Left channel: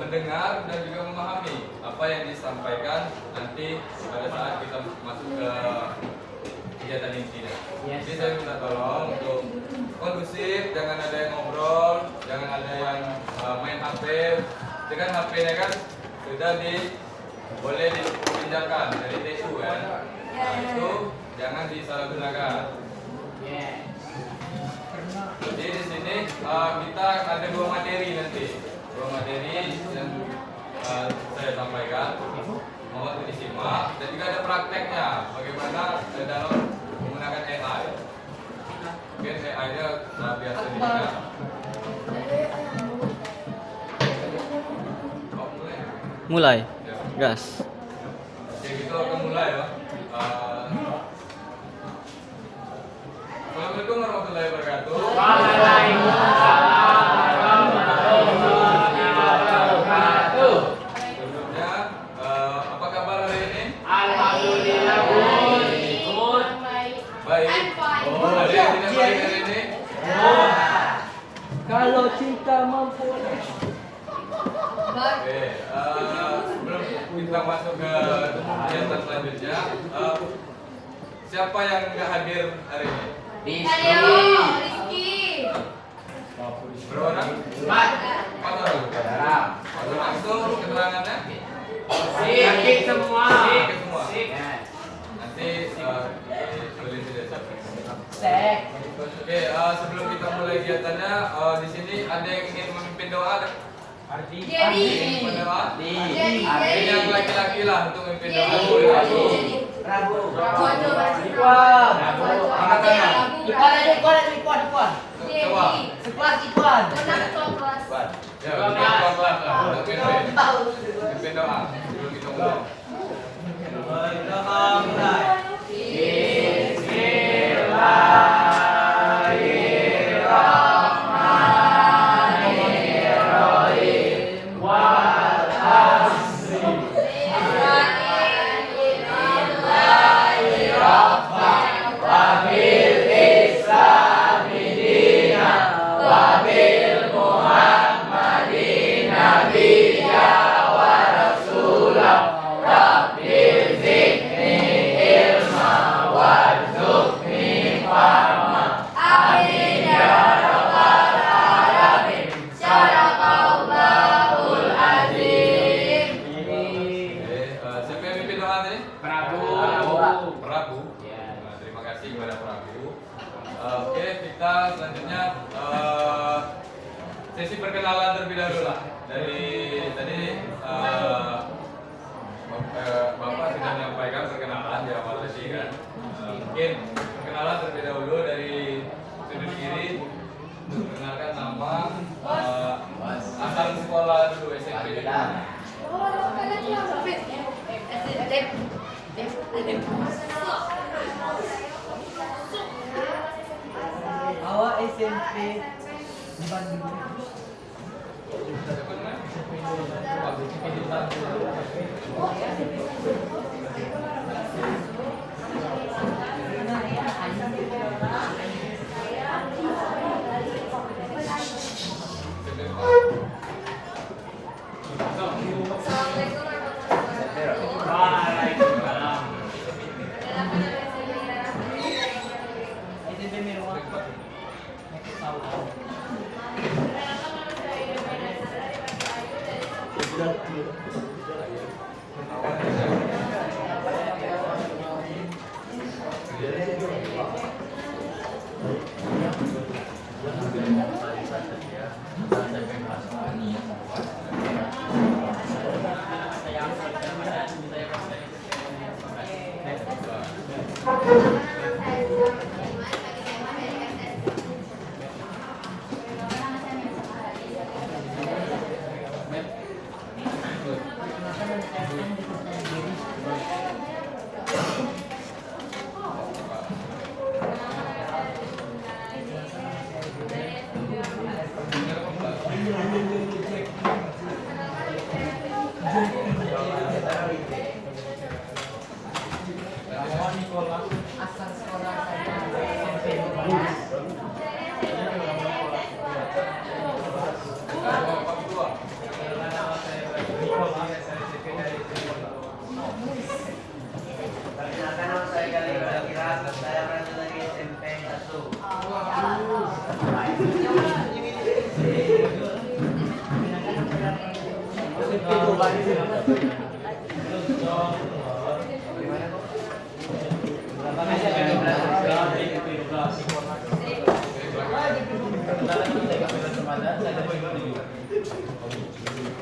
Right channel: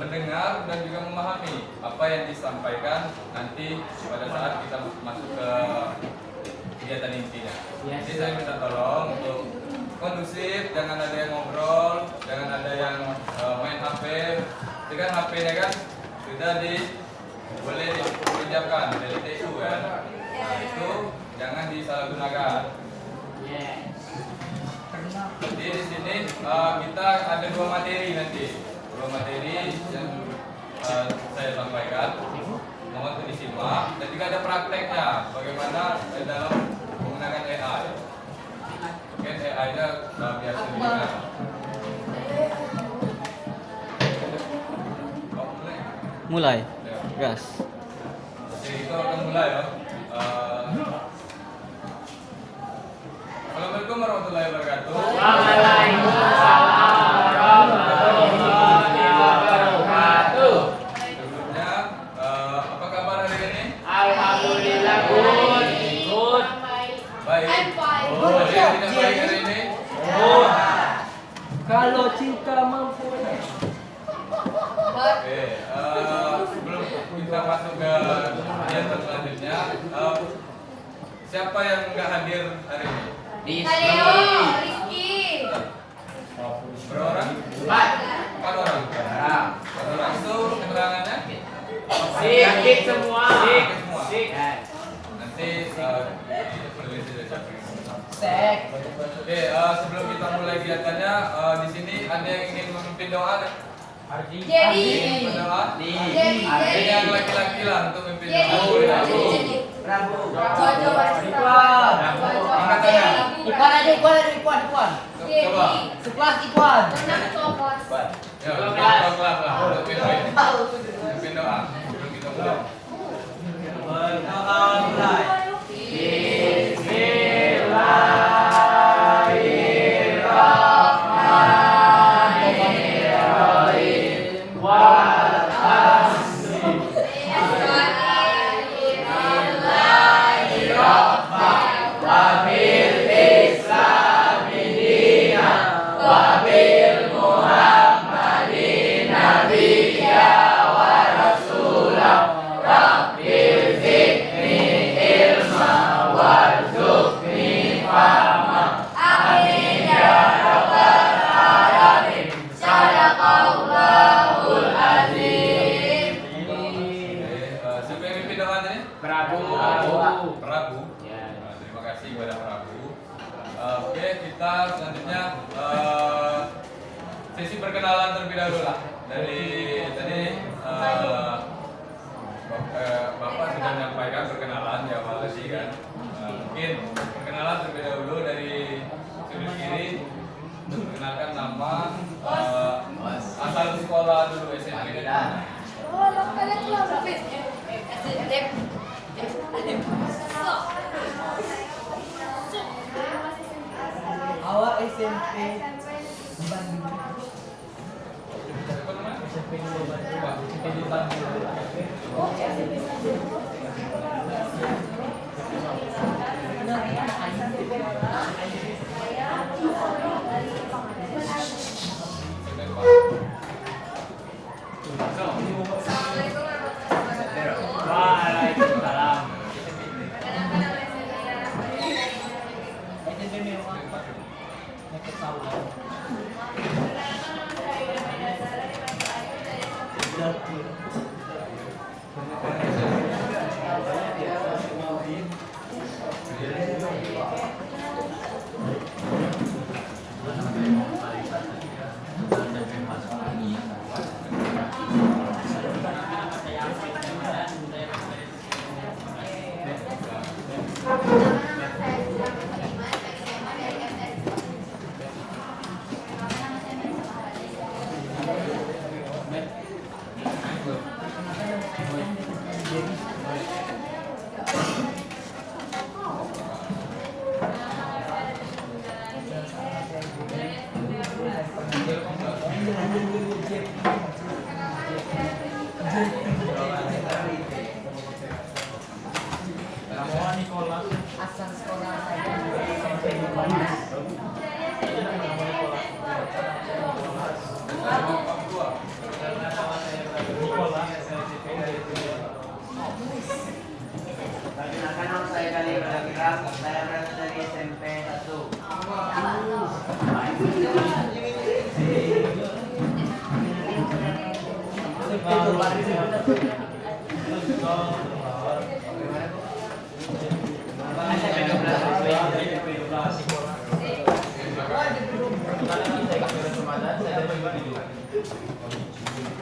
mendengar dan juga memahami apa yang disampaikan nanti pada saat kita masuk ke kegiatan intinya. Jadi saya minta tolong untuk kondusif, jangan ada yang ngobrol, jangan ada yang main HP. Itu kan HP-nya kan sudah boleh dipinjamkan dari TU kan. Nah, itu jangan disalahgunakan. Jadi di sini kita ada 2 materi nanti, 2 materi yang saya sampaikan. Mohon disimak dan juga ada prakteknya bagaimana dalam menggunakan AI. Mungkin AI-nya biasa digunakan. Mulai. Gas. Oke, kita akan mulai ya. Assalamualaikum warahmatullahi wabarakatuh. Sebelumnya, apa kabar hari ini? Alhamdulillah. Baik. Ada yang tidak baik hari ini? Kalau Cika mampu. Oke, sebelum kita masuk ke kegiatan selanjutnya, siapa yang nggak hadir hari ini? Rizky. Berapa orang? 4 orang. 4 orang itu keterangannya? Sakit semua. Sakit semua. Nanti ditulis di deskripsi. Oke, sebelum kita mulai kegiatannya, di sini ada yang ingin memimpin doa? Jadi. Doa? Jadi. Ini yang laki-laki lah untuk memimpin doa. Prabu. Angkat tangan. Coba. Ya, kelas lah untuk mimpin doa. Sebelum kita mulai. Siapa yang mimpin doa tadi? Prabu. Prabu. Nah, terima kasih kepada Prabu. Oke, kita selanjutnya sesi perkenalan terlebih dahulu lah. Dari tadi Bapak sudah menyampaikan perkenalan di awal tadi kan. Mungkin perkenalan terlebih dahulu dari sudut kiri. Untuk perkenalkan nama, asal sekolah dulu SMP di mana? Awak SMP di Bandung. Siapa namanya? Waalaikumsalam.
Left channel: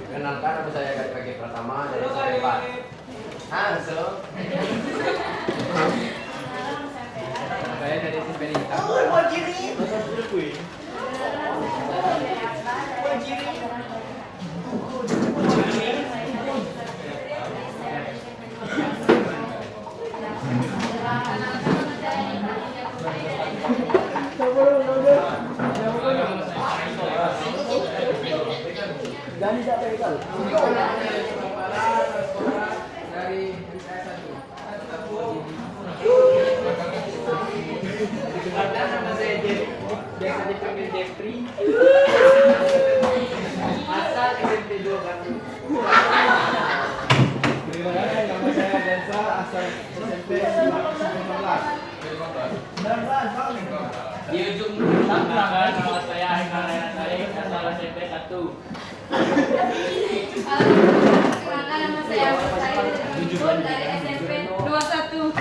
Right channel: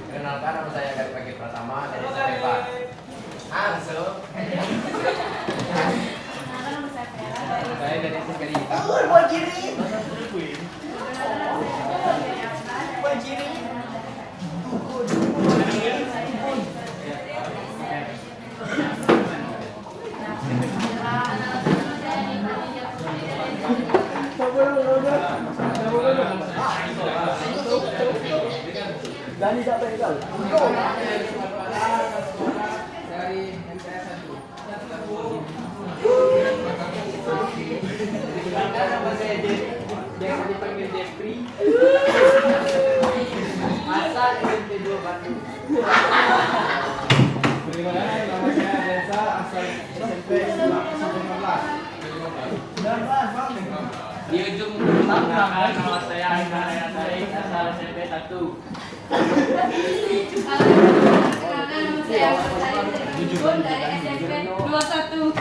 Kenalkan, nama saya dari pagi pertama dari SMP 4. Masuk. Saya dari SMP 5. Gani tak pegal. Dari MTS 1. Dikenalkan, nama saya biasa dipanggil Jeffrey. Asal SMP 2 Bandung. Terima kasih, nama saya Desa, asal SMP 15. 19, Bang. Di ujung belakang nama saya Aina Rayatari, asal SMP 1. Kenalkan, saya dari SMP 21.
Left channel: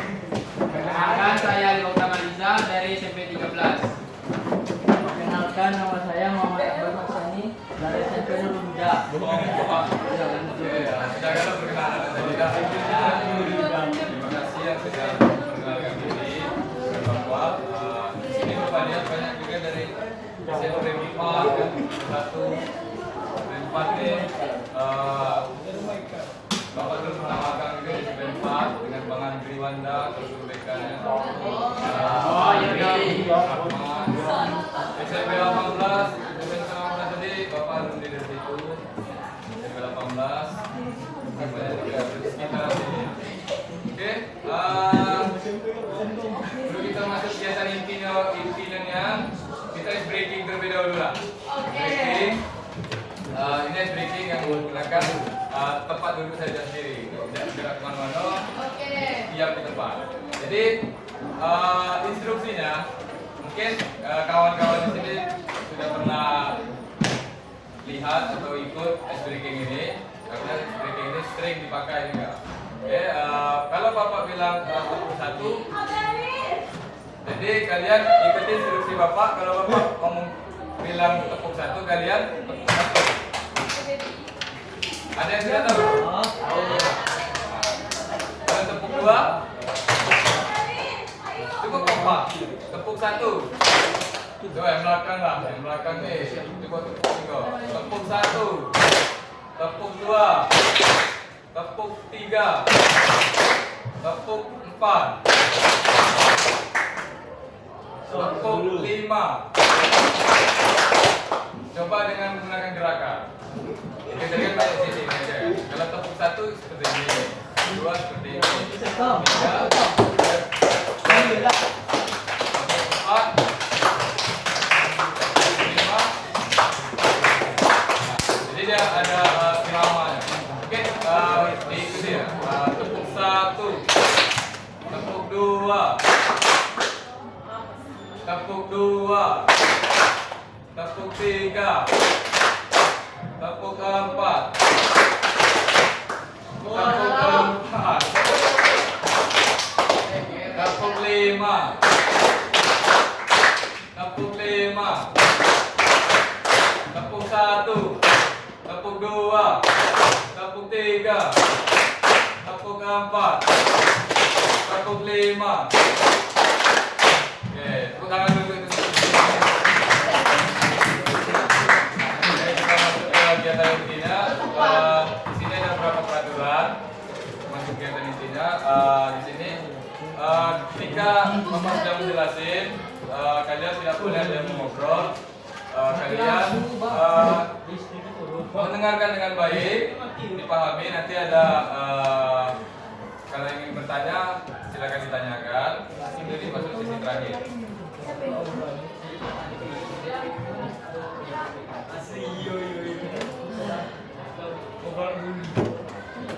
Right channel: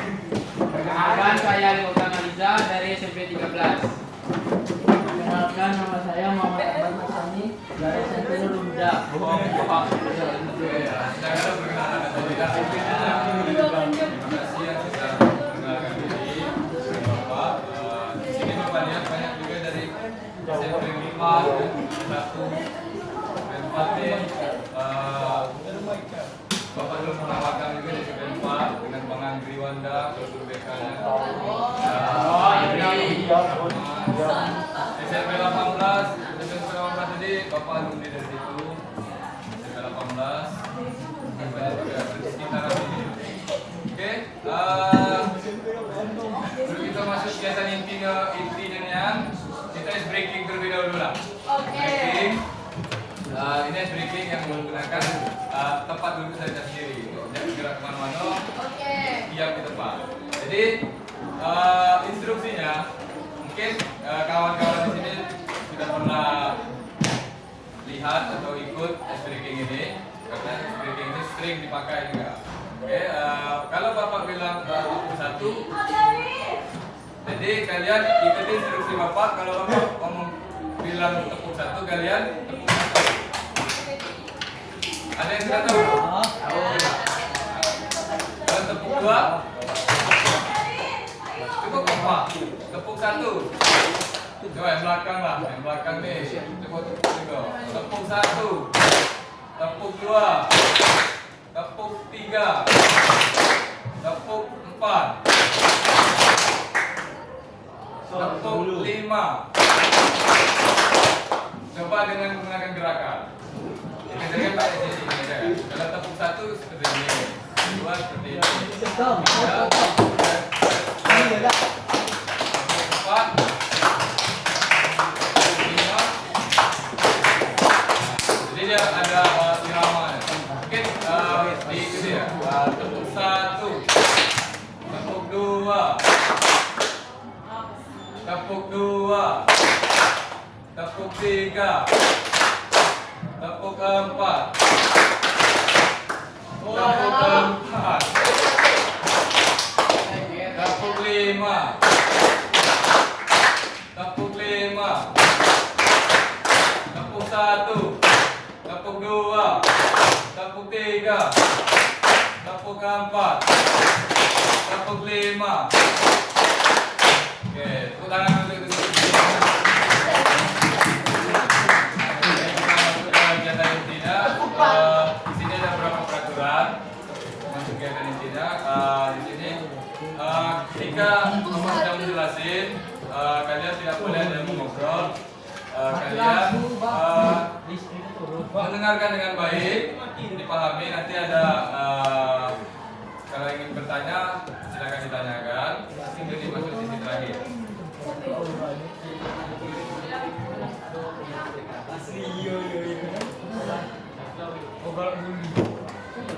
Perkenalkan, saya Liautan Aliza dari SMP 13. Perkenalkan, nama saya Muhammad Akbar Hassani dari SMP Nurul Huda. Bohong. Saya perkenalan tadi dah. Terima kasih yang sudah mengenalkan diri. Bapak, di sini banyak juga dari SMP 5 dan 1 dan 4 ini. Bapak belum menamakan juga di SMP 4 dengan Bang Andri Wanda, Ketua BK-nya. SMP 18, SMP 19 tadi Bapak alumni dari situ. SMP 18, dan banyak juga di sekitar sini. Oke, sebelum kita masuk kegiatan intinya, kita ice breaking terlebih dahulu lah. Breaking. Ini ice breaking yang menggunakan tempat duduk saya sendiri, jangan gerak kemana-mana, diam di tempat. Jadi instruksinya, mungkin kawan-kawan di sini sudah pernah lihat atau ikut ice breaking ini, karena ice breaking ini sering dipakai juga. Oke, kalau Bapak bilang tepuk 1, jadi kalian ikuti instruksi Bapak. Kalau Bapak ngomong bilang tepuk 1, kalian tepuk 1. Ada yang sudah tahu? Tahu. Kalau tepuk 2, tepuk apa? Tepuk 1. Coba yang belakang lah, yang belakang nih. Coba tepuk 3. Tepuk 1. Tepuk 2. Tepuk 3. Tepuk 4. Tepuk 5. Coba dengan menggunakan gerakan. Ini tadi kan tak sini aja. Kalau tepuk 1 seperti ini, 2 seperti ini, 3, 4, 5. Jadi dia ada iramanya. Oke, diikuti ya. Tepuk 1, tepuk 2, tepuk 2, tepuk 3. Tepuk 4. Tepuk 4. Tepuk 5. Tepuk 5. Tepuk 1. Tepuk 2. Tepuk 3. Tepuk 4. Tepuk 5. Oke, tepuk tangan dulu itu. Kegiatan intinya, di sini ada beberapa peraturan untuk kegiatan intinya. Di sini, ketika Bapak sudah menjelasin, kalian tidak boleh ada mengobrol. Kalian mendengarkan dengan baik, dipahami. Nanti ada kalau ingin bertanya, silakan ditanyakan. Tinggal masuk sesi terakhir.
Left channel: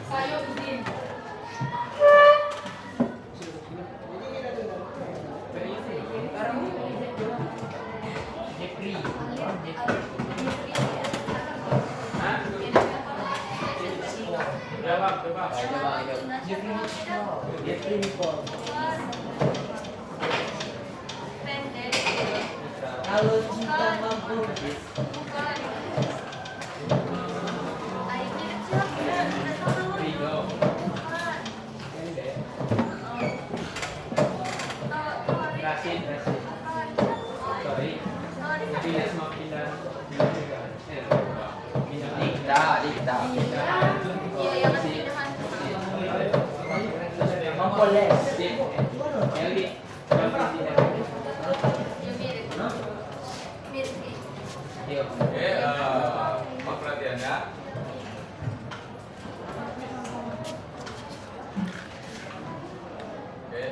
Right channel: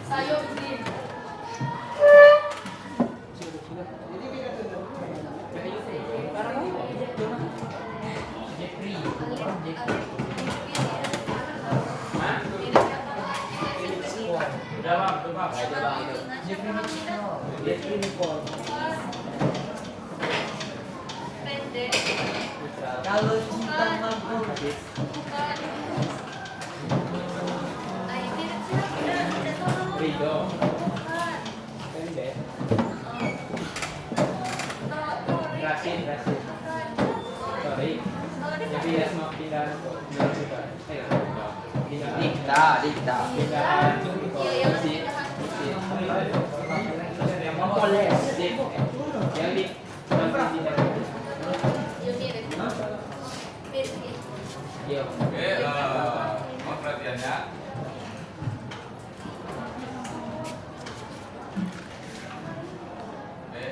Sayur sih. Definipol. Pendek. Kalau cinta mampu. Rido. Pendek. Rasin. Sorry. Jadi ya semua pindah juga. Dikta. Mampoles. Eli. Yo. Oke, mohon perhatiannya. Oke,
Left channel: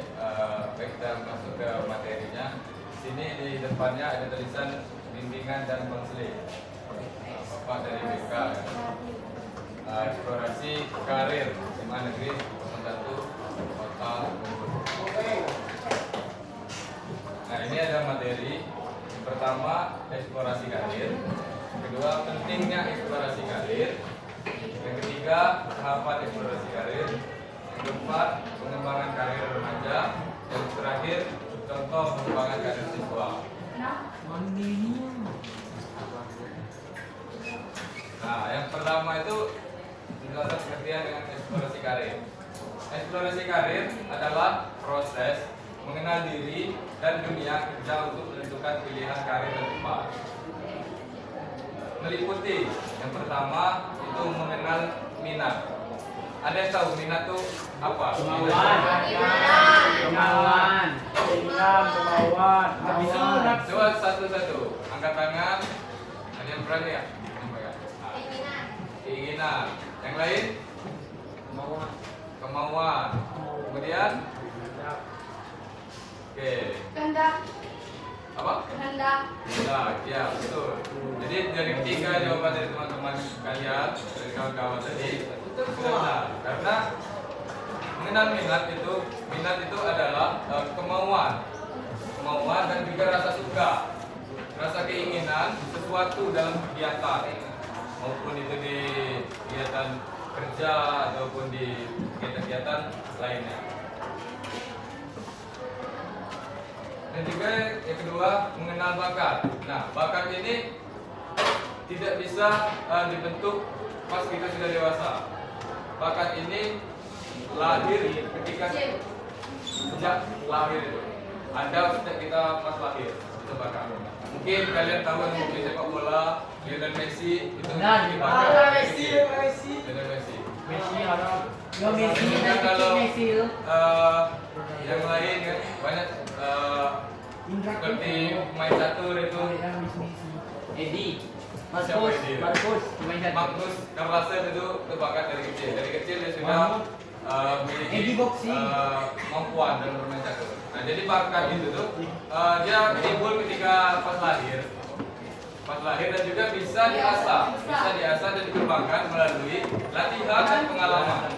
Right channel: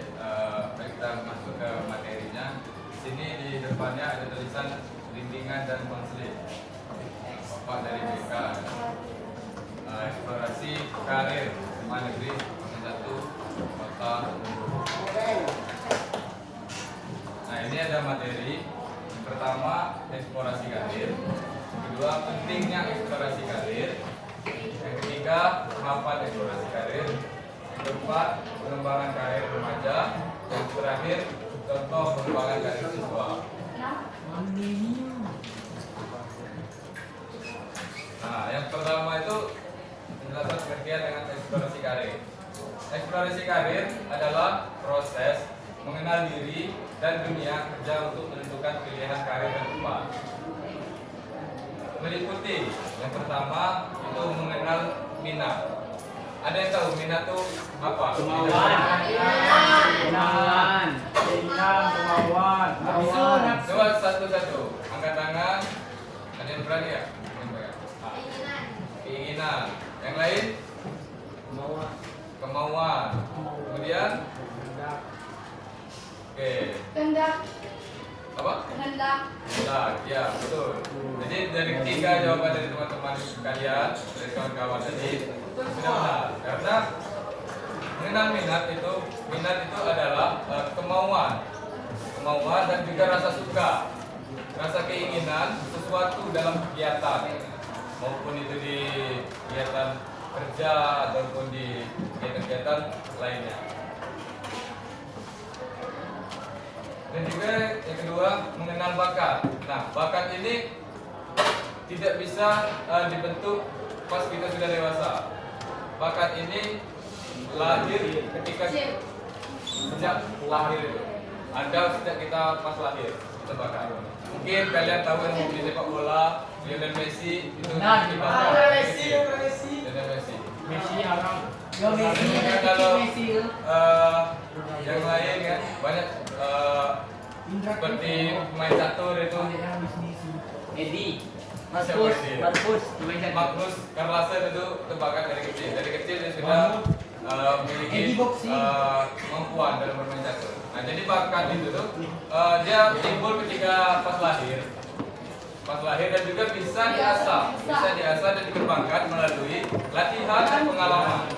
baik kita masuk ke materinya. Di sini di depannya ada tulisan bimbingan dan konseling. Bapak dari BK. Eksplorasi karir SMA Negeri 1 Kota Bogor. Nah, ini ada materi. Yang pertama, eksplorasi karir. Yang kedua, pentingnya eksplorasi karir. Yang ketiga, tahapan eksplorasi karir. Yang keempat, pengembangan karir remaja. Yang terakhir, contoh pengembangan karir siswa. Nah, yang pertama itu penjelasan pengertian dengan eksplorasi karir. Eksplorasi karir adalah proses mengenal diri dan dunia kerja untuk menentukan pilihan karir yang tepat. Meliputi yang pertama itu mengenal minat. Ada yang tahu minat itu apa? Kemauan. Coba satu-satu. Angkat tangan. Ada yang berani ya? Keinginan. Yang lain? Kemauan. Kemudian? Oke. Kehendak. Apa? Kehendak. Kehendak. Ya, betul. Jadi dari tiga jawaban dari teman-teman kalian, dari kawan-kawan tadi, sudah benar. Karena mengenal minat itu adalah kemauan dan juga rasa suka, rasa keinginan sesuatu dalam kegiatan, maupun itu di kegiatan kerja ataupun di kegiatan-kegiatan lainnya. Dan juga yang kedua, mengenal bakat. Nah, bakat ini tidak bisa dibentuk pas kita sudah dewasa. Bakat ini lahir ketika sejak lahir itu. Ada sejak kita pas lahir, itu bakat. Mungkin kalian tahu yang hobi sepak bola, Lionel Messi itu Nah, bakat. Lionel Messi. Messi orang. Dan kalau yang lain kan banyak seperti main catur itu Edi. Magnus Carlsen itu bakat dari kecil. Dari kecil dia sudah memiliki kemampuan dalam bermain catur. Nah, jadi bakat itu tuh dia timbul ketika pas lahir dan juga bisa diasah dan dikembangkan melalui latihan dan pengalaman.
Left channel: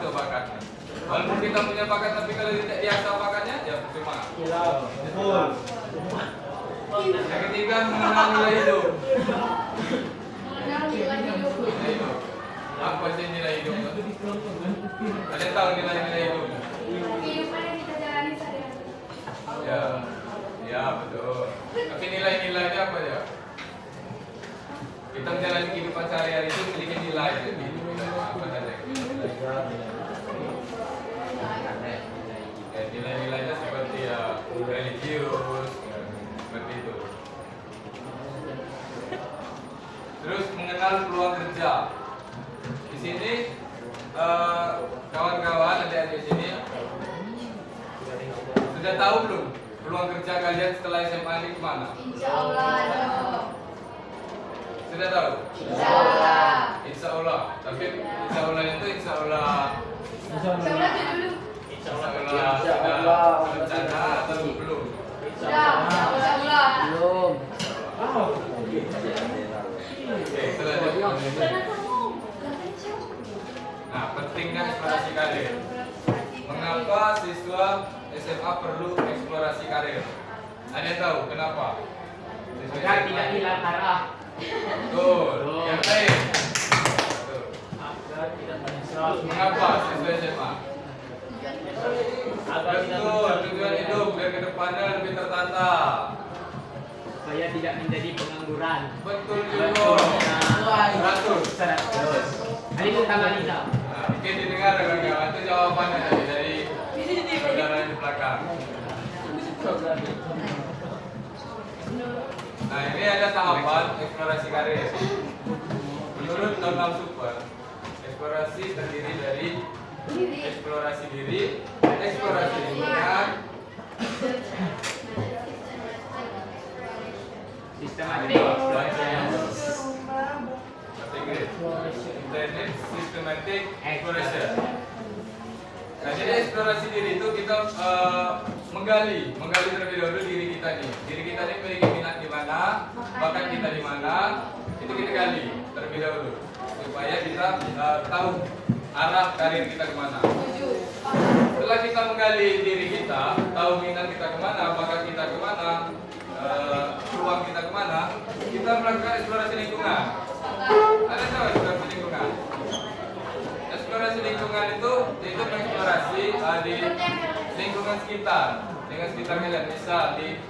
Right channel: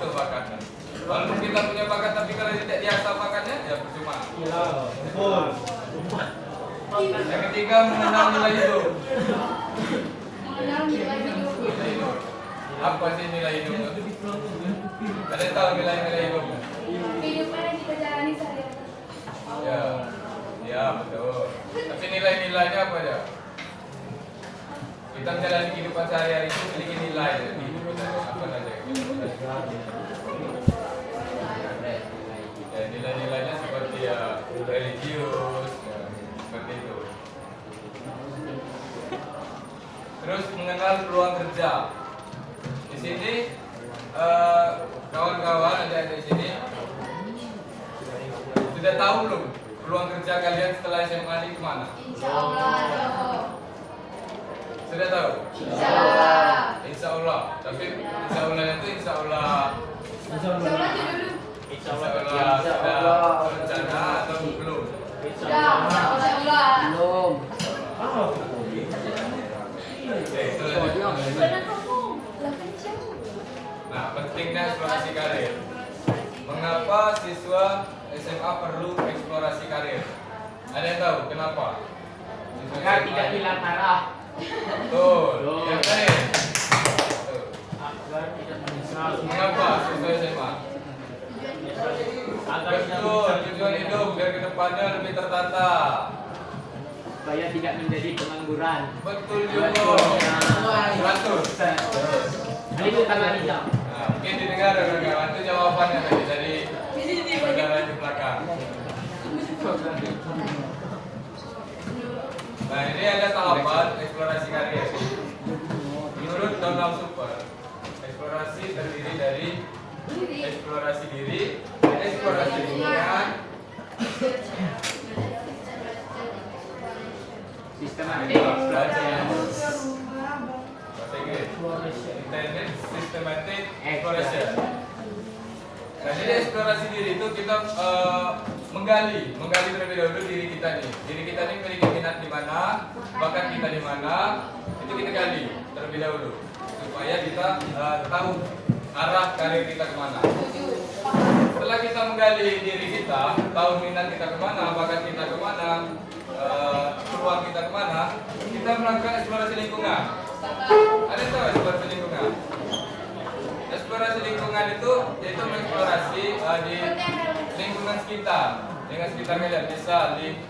Itu bakatnya. Walaupun kita punya bakat tapi kalau tidak diasah bakatnya ya cuma. Yang ketiga, mengenal nilai hidup. Mengenal nilai hidup. Nilai hidup. Apa sih nilai hidup? Ada yang tahu nilai-nilai hidup? Kehidupan yang kita jalani sehari-hari. Ya betul. Tapi nilai-nilainya apa ya? Kita menjalani kehidupan sehari-hari itu memiliki nilai. Apa saja? Ya, nilai-nilainya seperti religius, seperti itu. Terus mengenal peluang kerja. Di sini kawan-kawan adik-adik sini sudah tahu belum peluang kerja kalian setelah SMA ini kemana? Insya Allah. Sudah tahu? Insya Allah. Insya Allah. Tapi insya Allah itu insya Allah. Insya Allah itu dulu. Insya Allah sudah rencana atau belum? Sudah. Insya Allah. Belum. Oke, selanjutnya. Benar kamu. Nah, pentingnya eksplorasi karir. Mengapa siswa SMA perlu eksplorasi karir? Ada yang tahu kenapa? Siswa Agar SMA tidak hilang arah. Betul. Yang lain. Betul. Agar tidak menyesal. Mengapa siswa SMA. Betul, tujuan hidup biar kedepannya lebih tertata. Supaya tidak menjadi pengangguran. Betul juga. 100. Ini tangan aja. Nah, mungkin didengar rekan-rekan, itu jawabannya tadi dari saudara di belakang. Nah, ini ada tahapan eksplorasi karir. Menurut Donald Super, eksplorasi terdiri dari eksplorasi diri, eksplorasi lingkungan, Sistematik. Internet systematic exploration. Nah, jadi eksplorasi diri itu kita menggali terlebih dahulu diri kita nih. Diri kita ini memiliki minat di mana, bakat kita di mana, itu kita gali terlebih dahulu supaya kita tahu arah karir kita kemana. Setelah kita menggali diri kita, tahu minat kita kemana, bakat kita kemana, peluang kita kemana, kita melakukan eksplorasi lingkungan. Ada yang tahu eksplorasi lingkungan? Eksplorasi lingkungan itu mengeksplorasi di lingkungan sekitar, kalian bisa di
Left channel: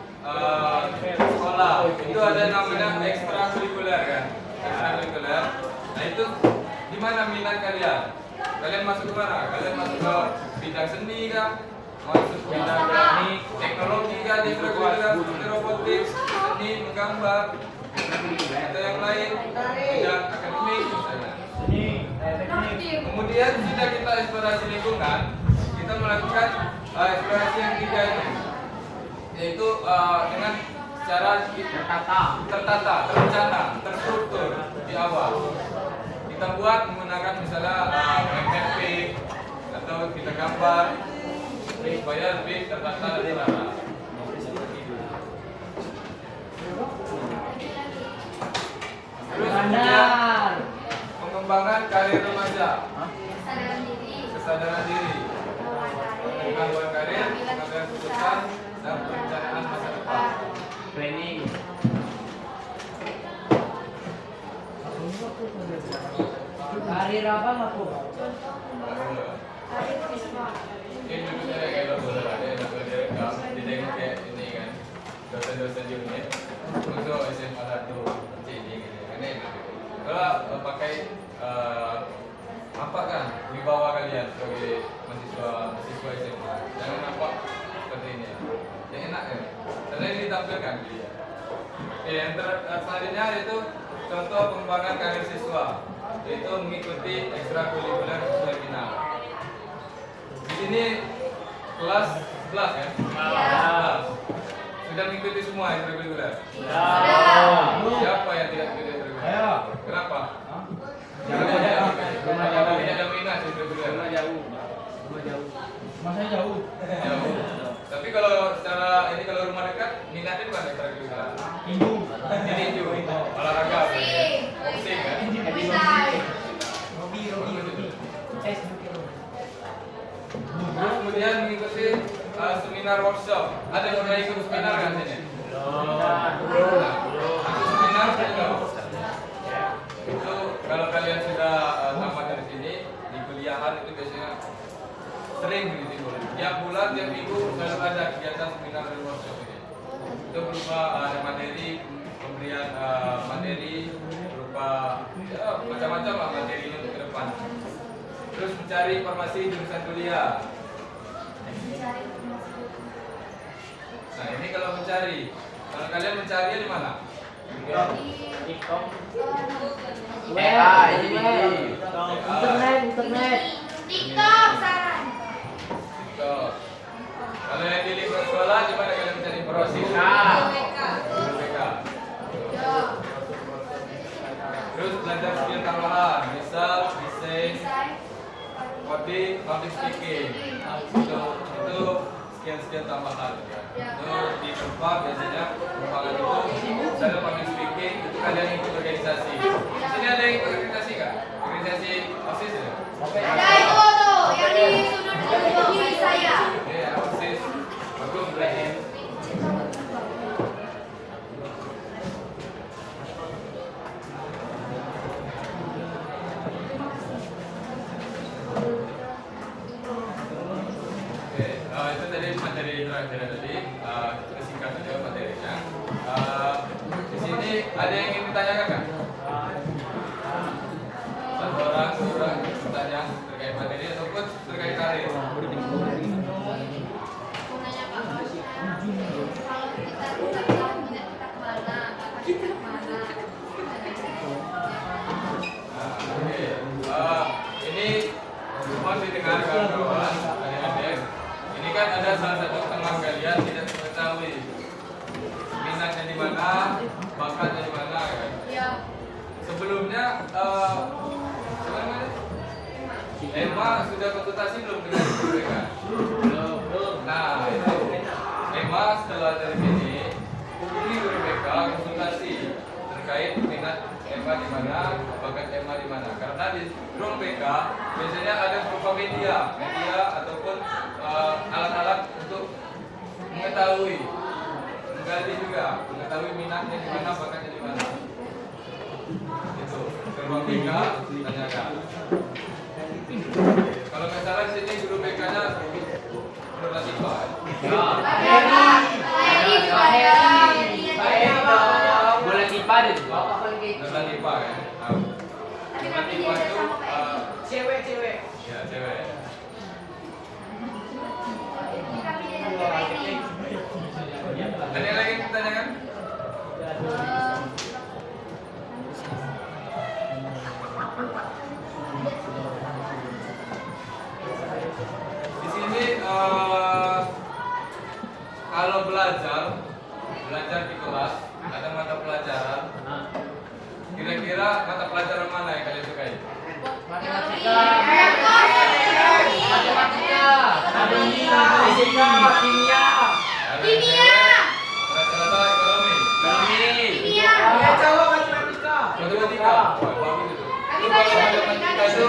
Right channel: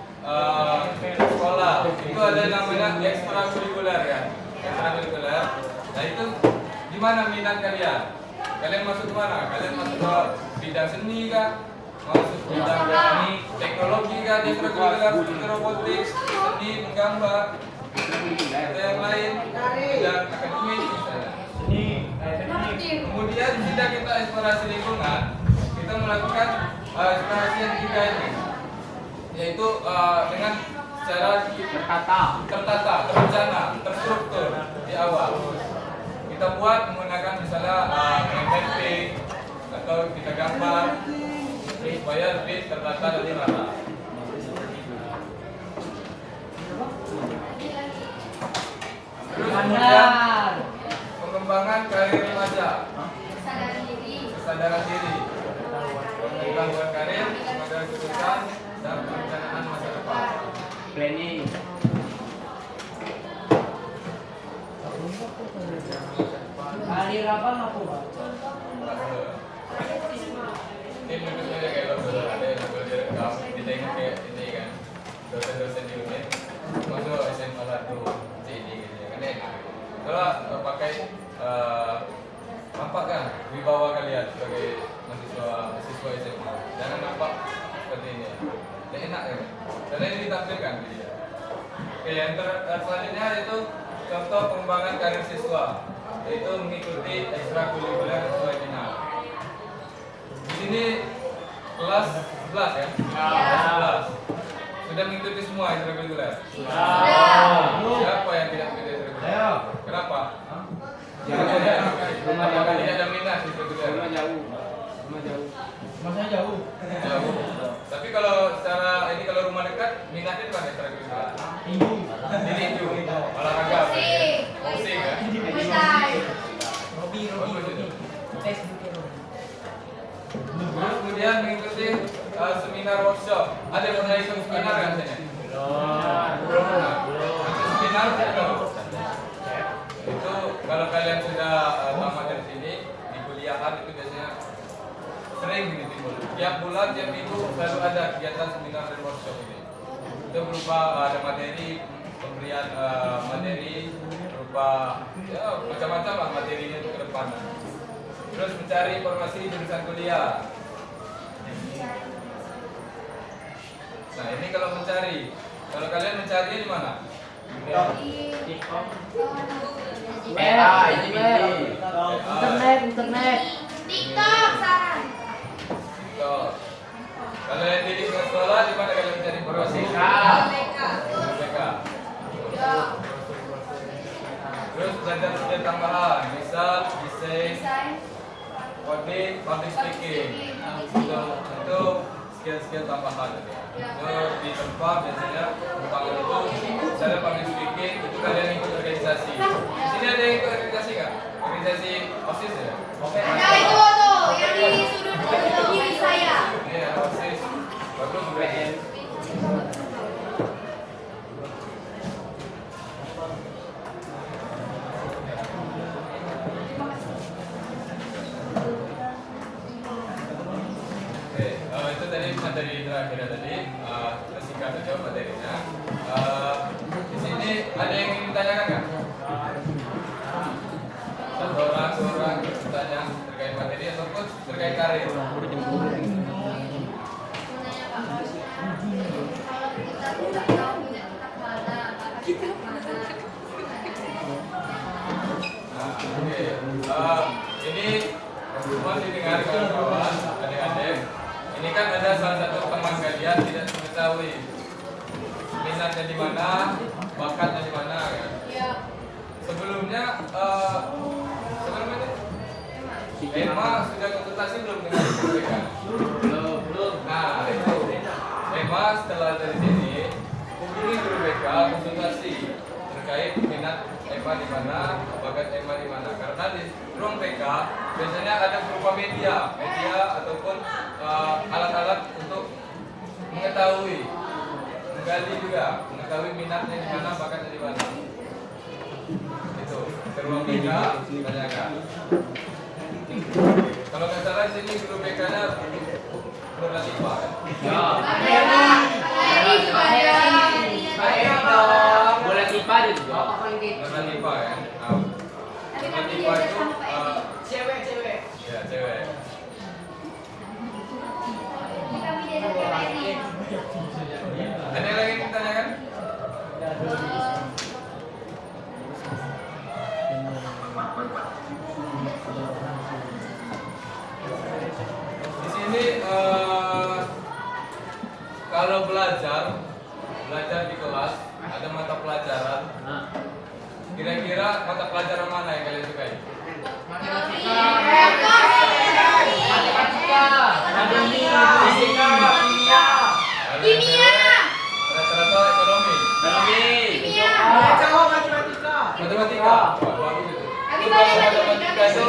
sekolah. Itu ada yang namanya ekstrakurikuler kan, ekstrakurikuler. Nah itu di mana minat kalian? Kalian masuk ke mana? Kalian masuk ke bidang seni kah? Masuk ke bidang teknologi kah? Di ekstrakurikuler seperti robotik, seni, menggambar. Ada yang lain, bidang akademik misalnya. Kemudian jika kita eksplorasi lingkungan, kita melakukan eksplorasi yang ketiga ini, yaitu dengan secara tertata, terencana, terstruktur di awal. Kita buat menggunakan misalnya MPP atau kita gambar supaya lebih tertata dan terarah. Terus kemudian pengembangan karir remaja, kesadaran diri, pengetahuan karir, pengambilan keputusan, dan perencanaan masa depan. Planning. Karir apa aku? Ini duduknya kayak dokter ada yang namanya direkam, ditengok kayak ini kan, dosen-dosen di unit, masuk SMA 1, ini kan enak. Kalau pakai nampak kan wibawa kalian sebagai mahasiswa SMA, jangan nampak seperti ini. Yang enak kan? Karena ini ditampilkan dia. Oke, yang selanjutnya itu contoh pengembangan karir siswa, yaitu mengikuti ekstrakurikuler sesuai minat. Di sini kelas 11 ya? Kelas 11. Sudah mengikuti semua ekstrakurikuler? Siapa yang tidak mengikuti ekstrakurikuler? Kenapa? Apakah tidak ada minat ekstrakurikuler? Masa jauh. Jauh. Tapi kalau secara ini kalau rumah dekat minatnya di mana ekstrakurikuler? Tinju, olahraga, musik kan? Terus kemudian mengikuti seminar workshop. Ada yang pernah ikut seminar kan sini? Ikut seminar sudah tahu? Itu kalau kalian sudah tamat dari sini di kuliahan itu biasanya sering gitu timbul. Tiap bulan, tiap minggu selalu ada kegiatan seminar dan workshop ini. Itu berupa ada materi, pemberian materi berupa ya, macam-macam lah materinya untuk ke depan. Terus mencari informasi jurusan kuliah. Nah ini kalau mencari, kalau kalian mencarinya di mana? Internet. TikTok saran. TikTok. Kalau yang di lingkungan sekolah, di mana kalian mencari informasi? BK. Terus belajar skill tambahan, misal desain, coding, public speaking. Itu skill tambahan. Itu di tempat biasanya pengembangan itu, misalnya public speaking itu kalian ikut organisasi. Di sini ada yang ikut organisasi nggak? Organisasi OSIS ya? Ada itu tuh yang di sudut kiri saya. Ini ada OSIS. Bagus berarti. siapa namanya? Emma sudah konsultasi belum dengan IPK? Belum. Nah, itu Emma setelah dari sini hubungi guru BK konsultasi terkait minat Emma di mana, bakat Emma di mana. Karena di ruang BK biasanya ada berupa media ataupun alat-alat untuk mengetahui, menggali juga, mengetahui minatnya di mana, bakatnya di mana. Itu ke ruang BK tanyakan. Kalau nggak salah di sini guru BK-nya berlatifa ya. Boleh tipa deh juga. Berlatifa ya. Berlatifa itu Cewek. ya cewek. Ada yang lagi ditanyakan? Di sini kalau belajar di kelas ada mata pelajaran. Kira-kira mata pelajaran mana yang kalian sukai? Kimia. Ada yang cewek, rata-rata ekonomi. Matematika. Wah, bagus itu. Itu kalau matematika itu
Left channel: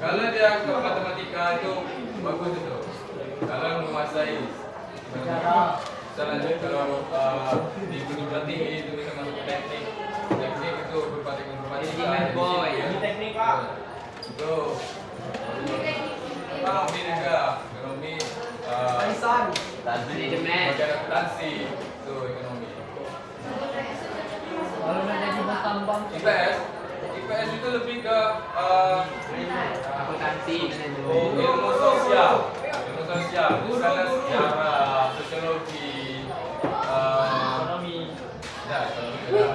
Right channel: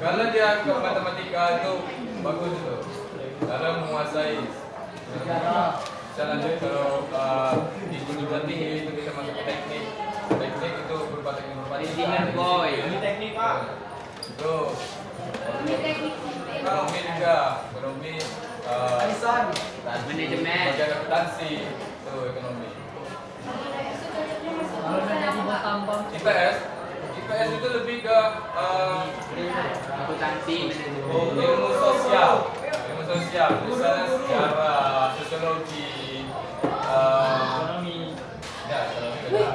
kalau dia ke matematika itu bagus itu. Kalau menguasai bisa lanjut kalau di perguruan tinggi itu bisa masuk ke teknik itu berupa teknik Engineer boy. teknik pak itu ekonomi juga ekonomi Manajemen. bagian akuntansi itu ekonomi. IPS itu lebih ke Akuntansi. ilmu sosial misalnya sejarah, sosiologi, ya ekonomi beda.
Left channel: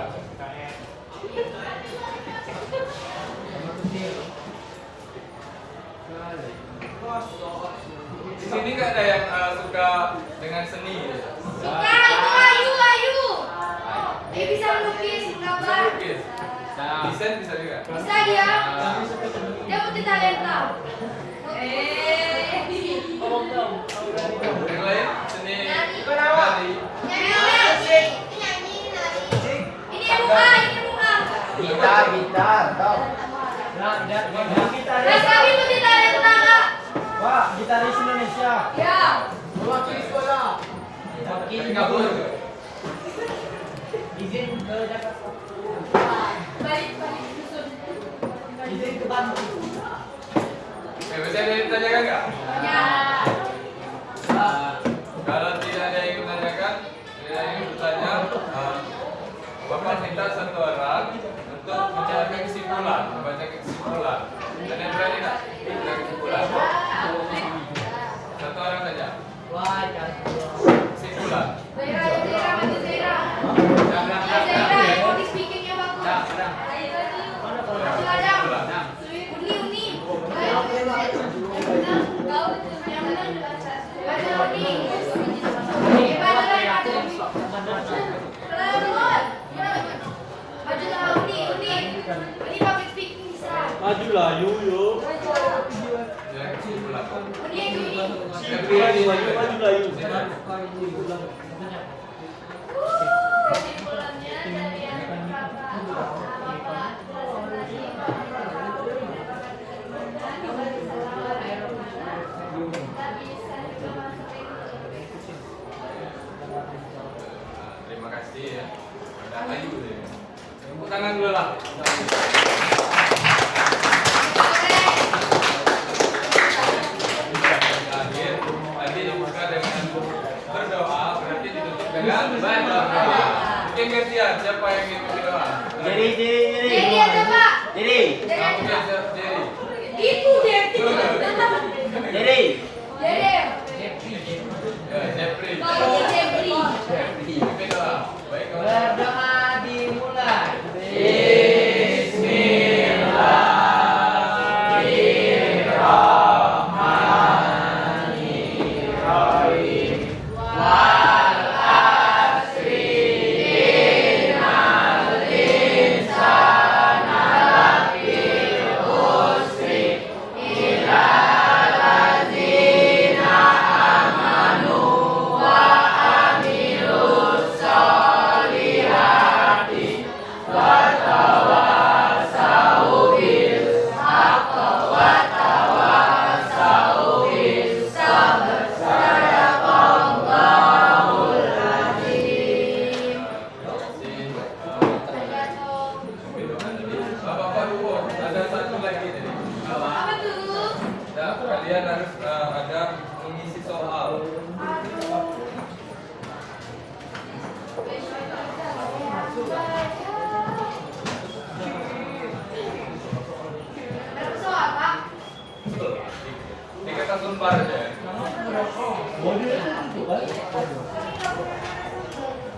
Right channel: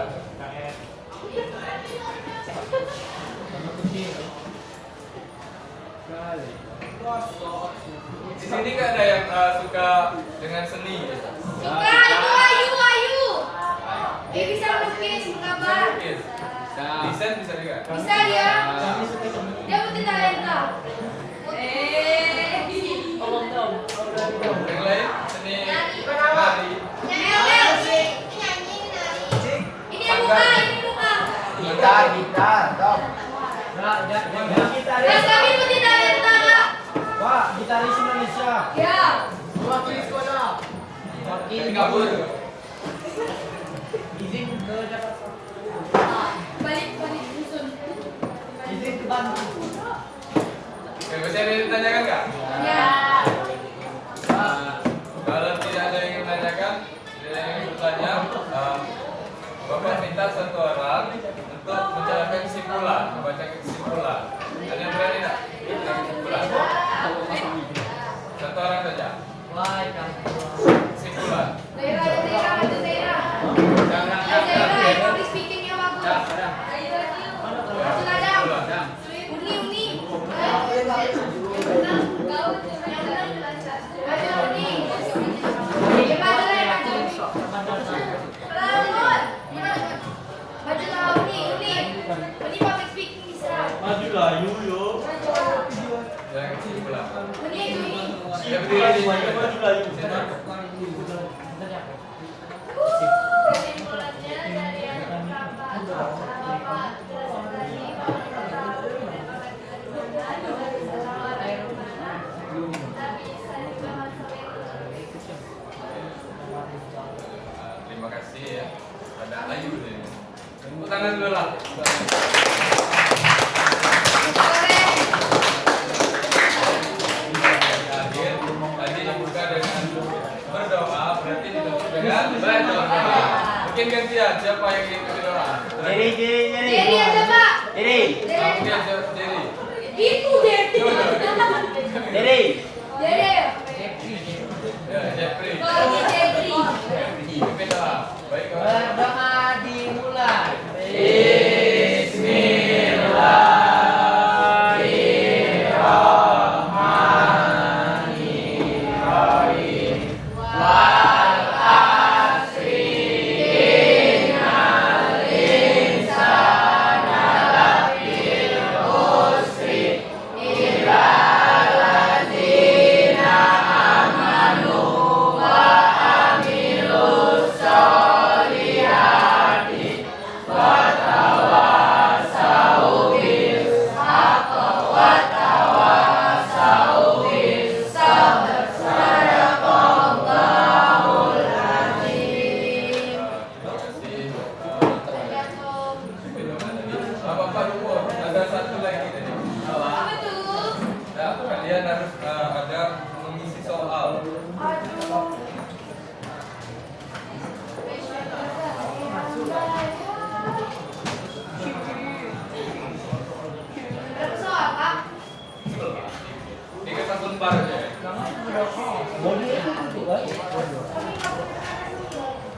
Di sini kan ada yang suka dengan seni. Dia bisa melukis, Bisa menggambar. lukis, desain bisa juga. Bisa dia. Dia multi talenta. Yang lain seni Nyanyi. nari. Nyanyi. Ini muka. Gitar, dong. Terus kami multi talenta, Kak. Pak, gitaris Indonesia. Ya. Wakil sekolah. Singapura. Izin ke Jakarta. Balik dusun. Izin ke Bandung. Bisa ditanyakan nggak? Ya. Kalau tidak ada yang ingin menanyakan, tidak ada yang ingin bertanya, Bapak minta satu orang untuk menjelaskan kesimpulan, membaca kesimpulan. Ada yang berani tidak? Membaca kesimpulan. Satu orang saja. Kesimpulan. Zaira, maju Zaira. Zaira, yang public speaking-nya bagus. Maju Adam. Uni. Tahu tuh yang benar baca. Maju Uni. Maju Uni. Maju sama Uni. Uni public speaking bisa. Maju lah, yo. Yang kesimpulan. Uni. Yang berdiri di mana? Maju lah, yo. Kesimpulannya dari yang pertama bahwa Terima kasih ya. Pada Ayu dulu ya. Tepuk tangan dulu lah. Akhir tadi dibuka dengan berdoa, berarti ditutup dengan berdoa. Mungkin gantian siapa yang ingin berdoa? Jadi aja Pak. Kamu biasa Jerry. Itu dia. Dede. Ya, Jeffrey. Kalau Jeffrey. Pimpin doa. Baik kawan. Berdoa dimulai. Ada persoalan, Pak? Di kertas lembar aja.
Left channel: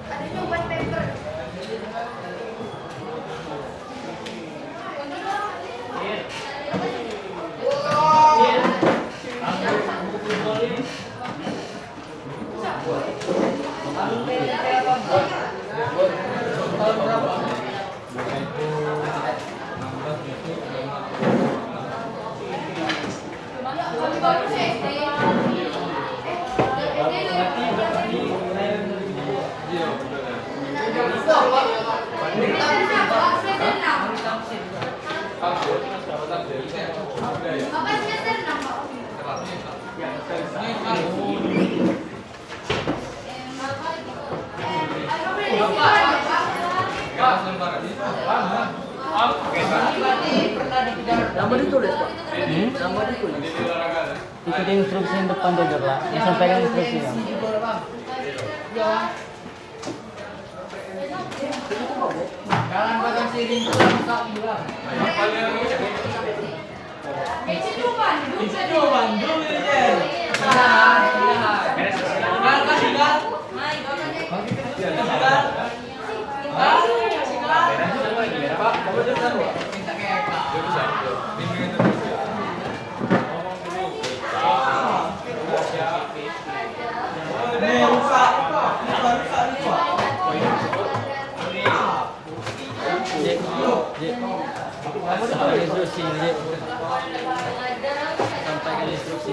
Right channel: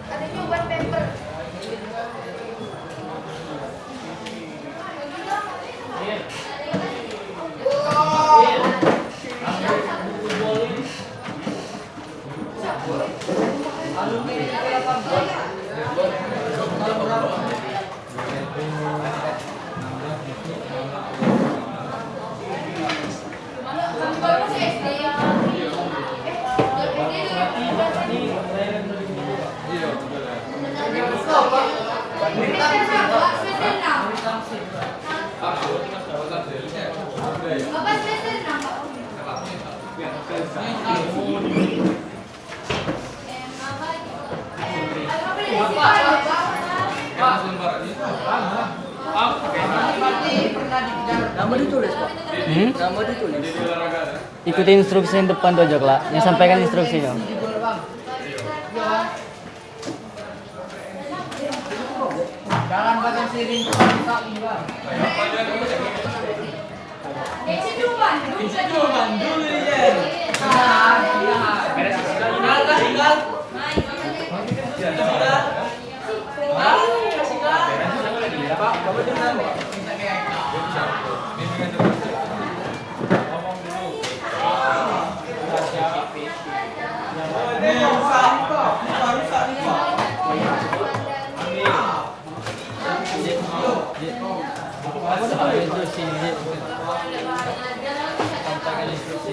Ada juga paper. Kami baru sih SD. Iya, betul ya. Takut, benar jadi saya. Udah ya. Kertas lembar aja. Nama ditulis, Pak. Nama ditulis. Jadi olahraga ya. Ikuti instruksi yang depan tuh aja, Pak. Yang sampaikan instruksinya. Jangan pakai siring tak juga. Apa dia dulu? Itu Bandung aja. Nah, tinggal kan tinggal. Bisa. Bimbingan terus. Ngomong dulu. Sampaikan instruksi, Ji. Sampaikan instruksi.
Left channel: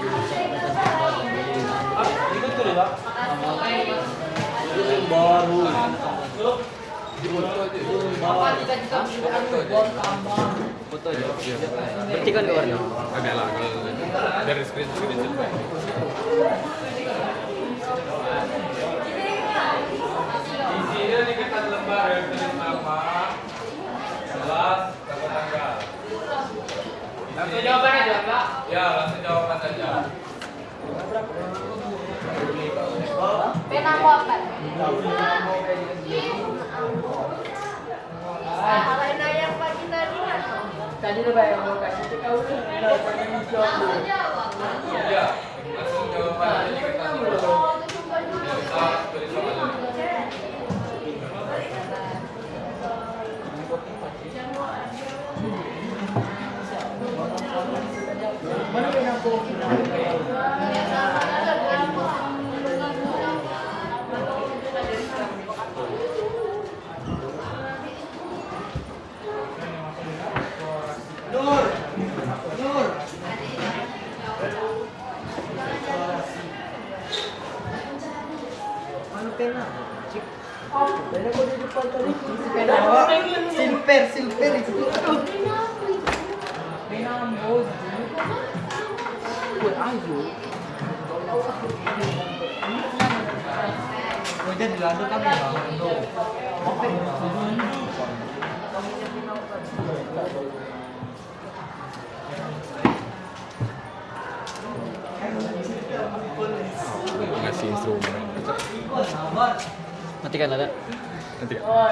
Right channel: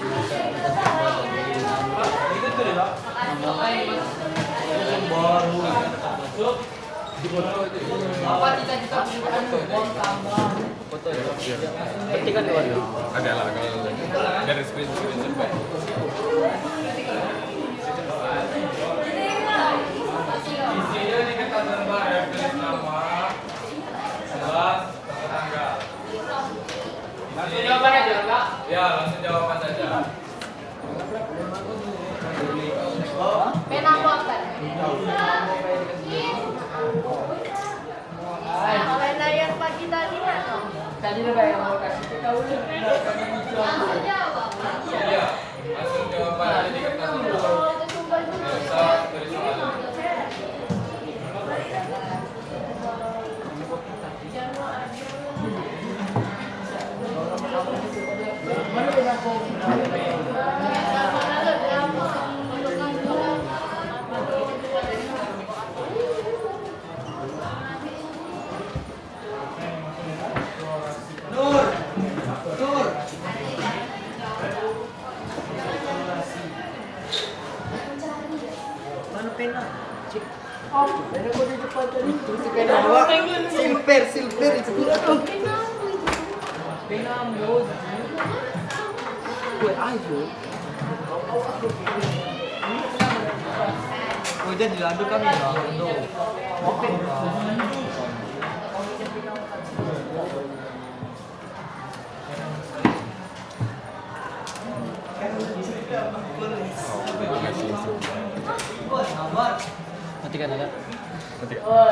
Baru. Foto aja. Foto aja. Petikan ke warna. Agak lah kalau dari screenshot baik. Isinya di kertas lembar ya, tulis nama, kelas, nama tanggal. Langsung jawaban aja, Pak. Ya, langsung jawaban saja. Pena kotak. Kalau dari yang pagi tadi ya, Tadi udah bayar mau kasih kau udah langsung jawab. Iya, langsung jawaban aja di kertas lembar. Oh, itu coba dulu. Nggak usah tulis soal. Silver itu. Hujan di landu kami ya. Matikan ada. Nanti. Oh,